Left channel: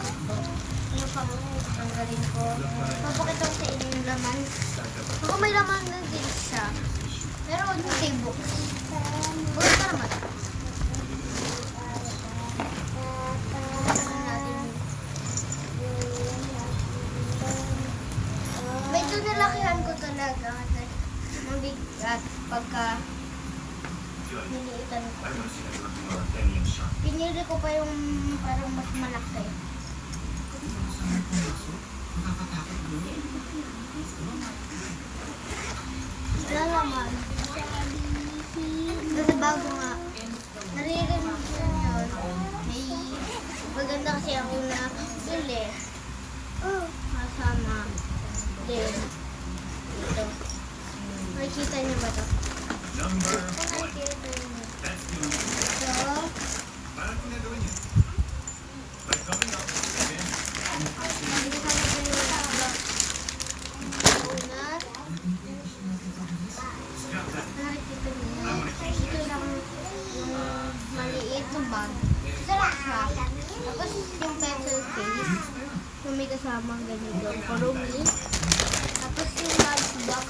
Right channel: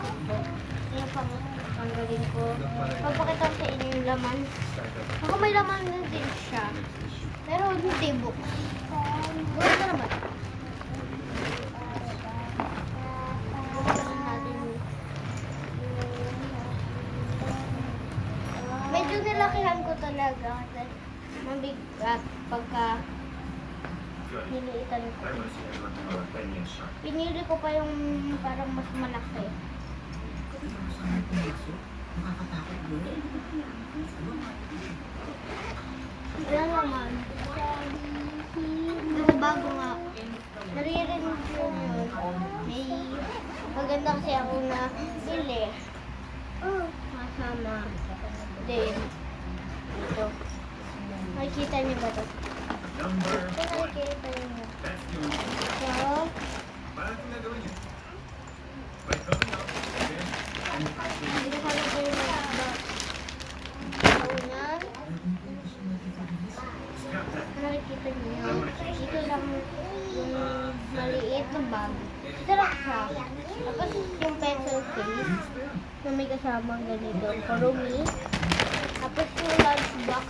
Ano pa? Tanggalin ko. Papakita ko sa inyo yung laman. Baka may laman din siya. Pero hindi books. Bukas pa naman. Medyo nilakihan ko talaga. Nung pagka niliitan ko. Pinili ko pa yung parang mas malaki. Wala naman. Kasi bago nga. Naririnig ko yun. May maganda kasi ako na bili. Kasama. Then, ito. Nakikita niyo ba ito? Nakikita niyo. So, hindi ko kaya ko yung unan. Nakikita niyo. Dito lang yung maliit na bag. Sarap siya. Tapos yung pencil case na may kasamang ganito. Kurumi. Tapos yung large box.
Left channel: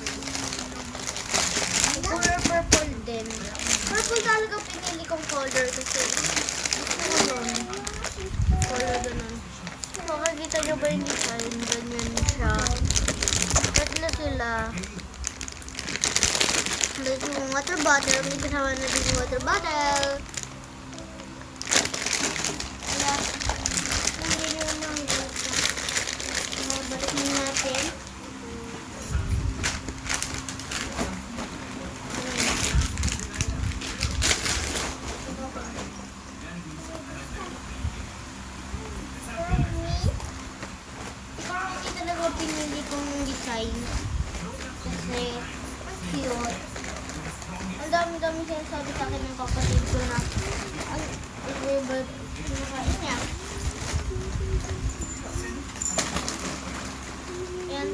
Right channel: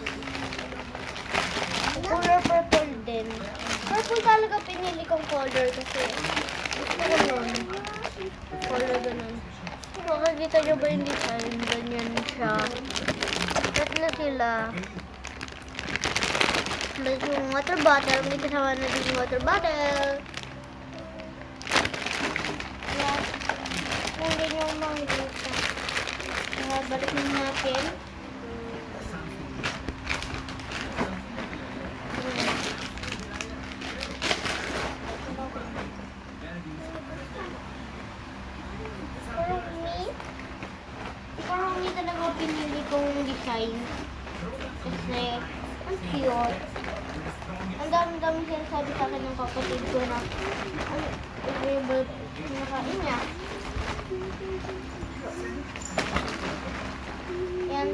Color purple din. Purple talaga pinili kong color kasi gusto ko yun. Color ganun. Makikita nyo ba yung design? Ganyan siya. Tatlo sila. Tapos yung water bottle. May kasama na din yung water bottle. Kaya, hindi nyo makikita. Balik nyo natin. Pinili kong design kasi ang cute. Ang dami-dami sinasabi sa akin ng kapatid ko na ang favorite kinakain niya. Yan.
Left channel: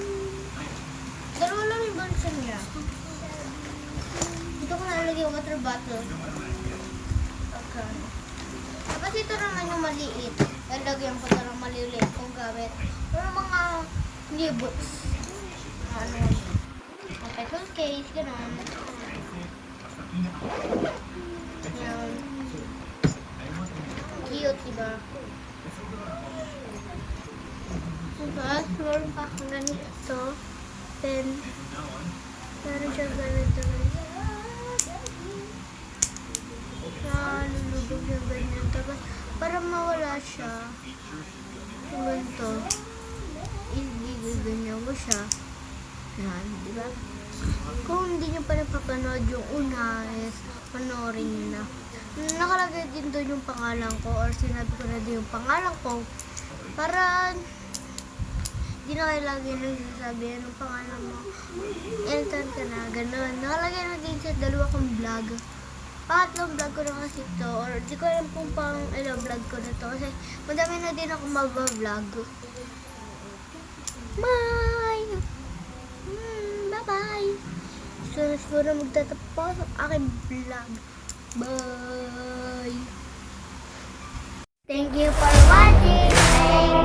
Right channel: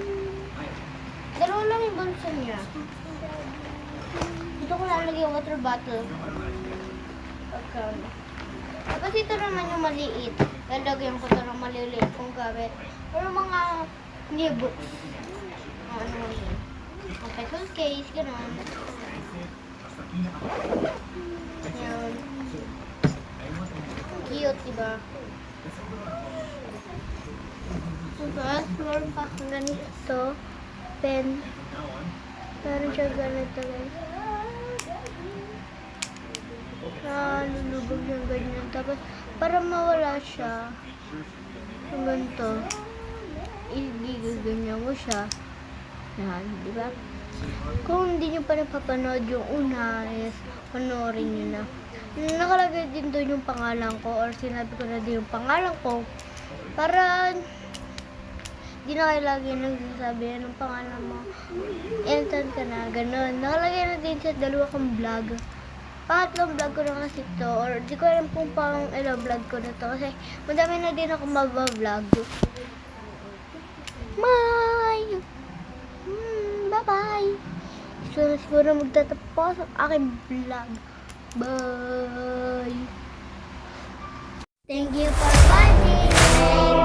Dalawa lang yung bansa niya. Dito ko nalagay yung water bottle. Tapos ito naman yung maliit. Lalagyan ko ito ng maliliit kong gamit. Pero mga hindi books. Ano yun? Ang pencil case, gano'n. Yan. Cute, diba? Tapos, meron pa akong ganito. Pen. Meron siya ganito, guys. Lulubog yung ganyan. Tapos, para mawala siya, yung ganito. Ganyan mo siya. Yan, di ba? Kung hindi nyo pa napapanood yung una, is panoorin nyo na. Nakalagay din doon yung pangalan ko or sinabi ko na din yung pangalan ko para hindi na kayo lagi nagsasabi anong pangalan mo. Instant ka na, ganun. Nakalagay na din sa dalawa kong vlog. Pangatlong vlog ko na kasi ito or di ko alam kung pang vlog ko na to kasi madami na din ako mag-vlog. Bye! Bye-bye! So, siguro magtatapos ang aking vlog. Bye! Thank you for watching!